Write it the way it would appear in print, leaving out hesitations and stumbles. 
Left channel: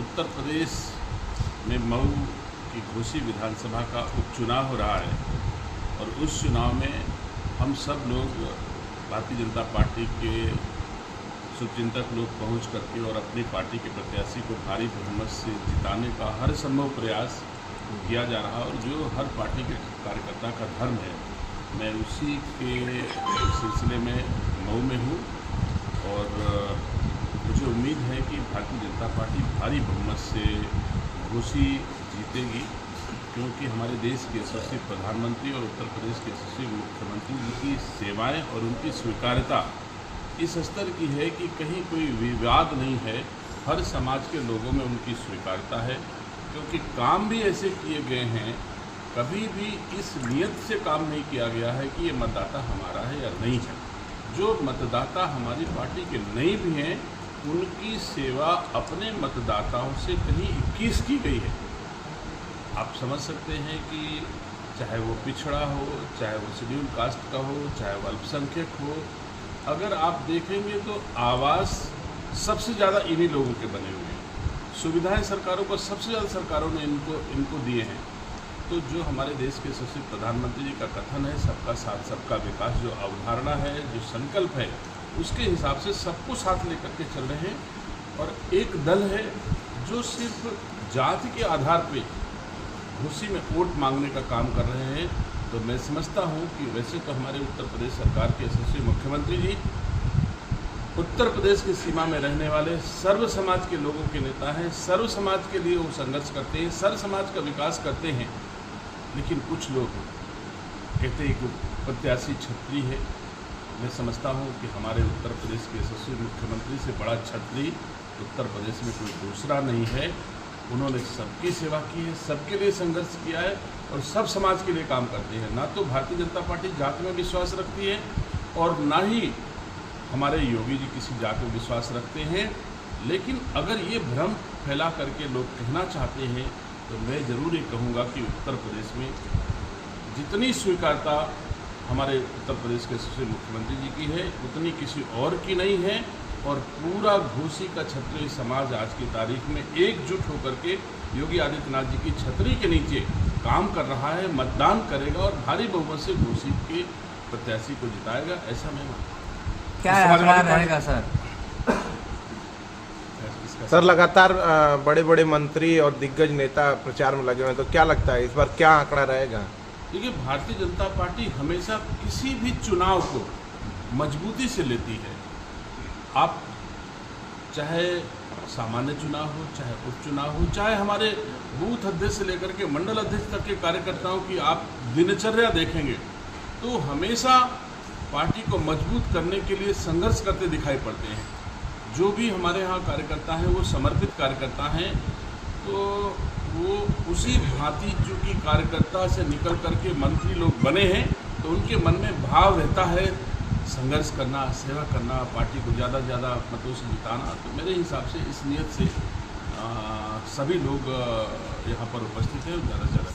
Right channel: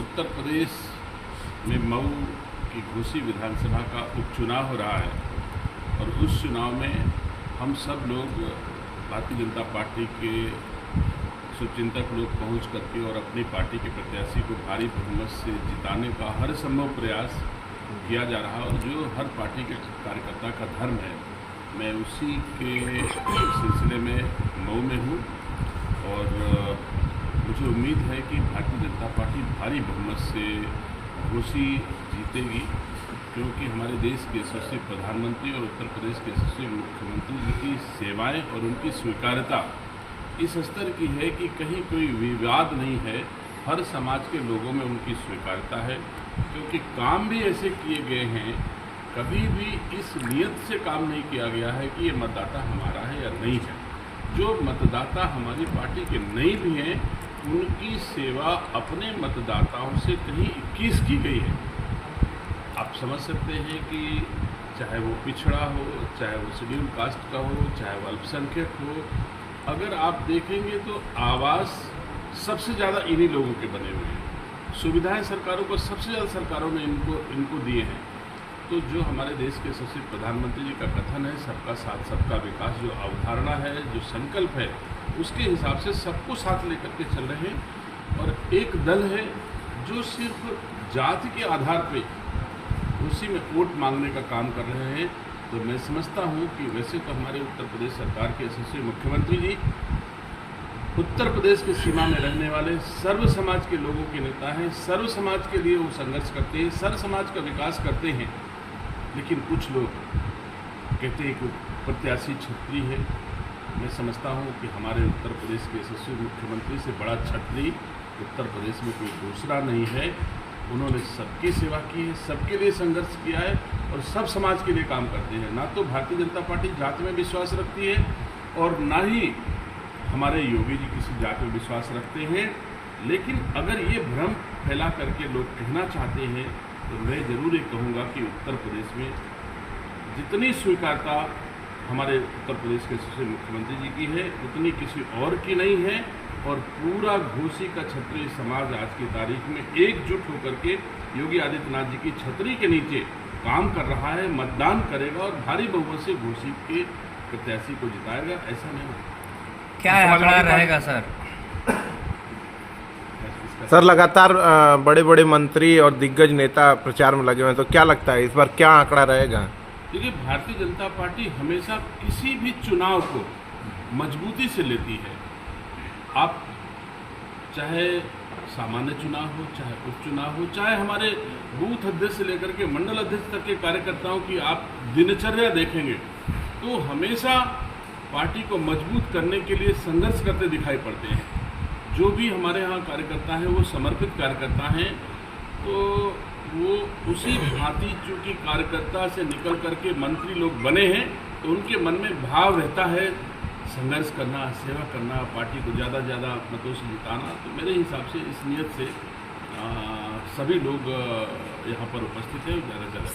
उत्तर प्रदेश में मऊ की घोसी विधानसभा का उपचुनाव हो रहा है और उस चुनाव में हम सब लोग भारतीय जनता पार्टी के शुभचिंतक लोग पहुंच करके और अपनी पार्टी के प्रत्याशी को भारी बहुमत से जिताने का हर संभव प्रयास किया जा रहा और जो हर पार्टी के कार्यकर्ता का धर्म है, मैं उसी के सिलसिले में मऊ में हूँ और मुझे उम्मीद है कि भारतीय जनता पार्टी भारी बहुमत से घोसी जीतेगी, क्योंकि हमारे देश के यशस्वी प्रधानमंत्री और उत्तर प्रदेश के यशस्वी मुख्यमंत्री जी की सेवाएं और उनकी स्वीकार्यता इस स्तर की है कि कहीं कोई विवाद नहीं है। हर समाज के लोगों में उनकी स्वीकार्यता है, क्योंकि काम भी ऐसे किए गए हैं, कभी भी इस नियत से काम नहीं किया गया है कि ये मतदाता हमारा है या नहीं है। जो मतदाता हमारी पार्टी के नहीं भी हैं, उनकी सेवा अपने मतदाताओं से कहीं 21 की गई है। आप समझ सकते हैं कि चाहे वो पिछड़ा हो, चाहे वो शेड्यूल कास्ट का हो, चाहे वो अल्पसंख्यक हो, अगर आप देखेंगे तो आवास सबसे ज़्यादा इन्हीं लोगों के बने हुए हैं। सुविधाएं सरकारों को सबसे ज़्यादा सरकारों ने इनको दिए हैं। तो जो हमारे देश के यशस्वी प्रधानमंत्री जी का कथन है, सबका साथ सबका विकास, जो अवधारणा है, जो संकल्प है, उसके हिसाब से सबको साथ लेकर के चल रहे हैं। और एक दल है जो सिर्फ जाति के आधार पे घोसी में वोट मांगने का काम कर रहे हैं। तो मैं समझता हूं कि वैसे तो हमारे उत्तर प्रदेश सरकार के यशस्वी मुख्यमंत्री जी उत्तर प्रदेश की सीमा में रहने वाले सर्व समाज के लोगों के नेता हैं। सर्व समाज के लिए वो संघर्ष करते हैं, सर्व समाज का विकास करते हैं। लेकिन कुछ लोग कहते हैं कि प्रत्याशी छत्री है। मैं समझता हूं कि हमारे उत्तर प्रदेश के यशस्वी मुख्यमंत्री से बड़ा छत्री उत्तर प्रदेश में कोई दूसरा नहीं है। उन्होंने सबकी सेवा की है, सबके लिए संघर्ष किया है और सब समाज के लिए काम करते हैं। ना तो भारतीय जनता पार्टी जात में विश्वास रखती है और ना ही हमारे योगी जी किसी जात में विश्वास रखते हैं। लेकिन अगर ये भ्रम फैला करके लोग कहना चाहते हैं तो मैं ज़रूर ये कहूँगा कि उत्तर प्रदेश में जितनी स्वीकारता हमारे उत्तर प्रदेश के यशस्वी मुख्यमंत्री जी की है, उतनी किसी और की नहीं है। और पूरा घोसी का क्षत्रिय समाज आज की तारीख में एकजुट होकर के योगी आदित्यनाथ जी की छतरी के नीचे काम कर रहा है, मतदान करेगा और भारी बहुमत से घोसी के प्रत्याशी को जिताएगा। ऐसा मैं क्या आंकड़ा रहेगा सर? सर लगातार बड़े बड़े मंत्री और दिग्गज नेता प्रचार में लगे हुए हैं, तो क्या लगता है इस बार क्या आंकड़ा रहेगा? देखिए, भारतीय जनता पार्टी हमेशा किसी भी चुनाव को मजबूती से लेती है। आप चाहे सामान्य चुनाव हो, चाहे उपचुनाव हो, चाहे हमारे बूथ अध्यक्ष से लेकर के मंडल अध्यक्ष तक के कार्यकर्ताओं की आप दिनचर्या देखेंगे तो हमेशा पार्टी को मजबूत करने के लिए संघर्ष करते दिखाई पड़ते हैं। जो भी हमारे यहाँ कार्यकर्ता हैं वो समर्पित कार्यकर्ता हैं, तो वो उसी भांति जो कि कार्यकर्ता से निकल करके मंत्री लोग बने हैं, तो उनके मन में भाव रहता है संघर्ष करना, सेवा करना, पार्टी को ज़्यादा से ज़्यादा मतों से जिताना। तो मेरे हिसाब से इस नियत से सभी लोग यहाँ पर उपस्थित हैं, ज़्यादा से ज़्यादा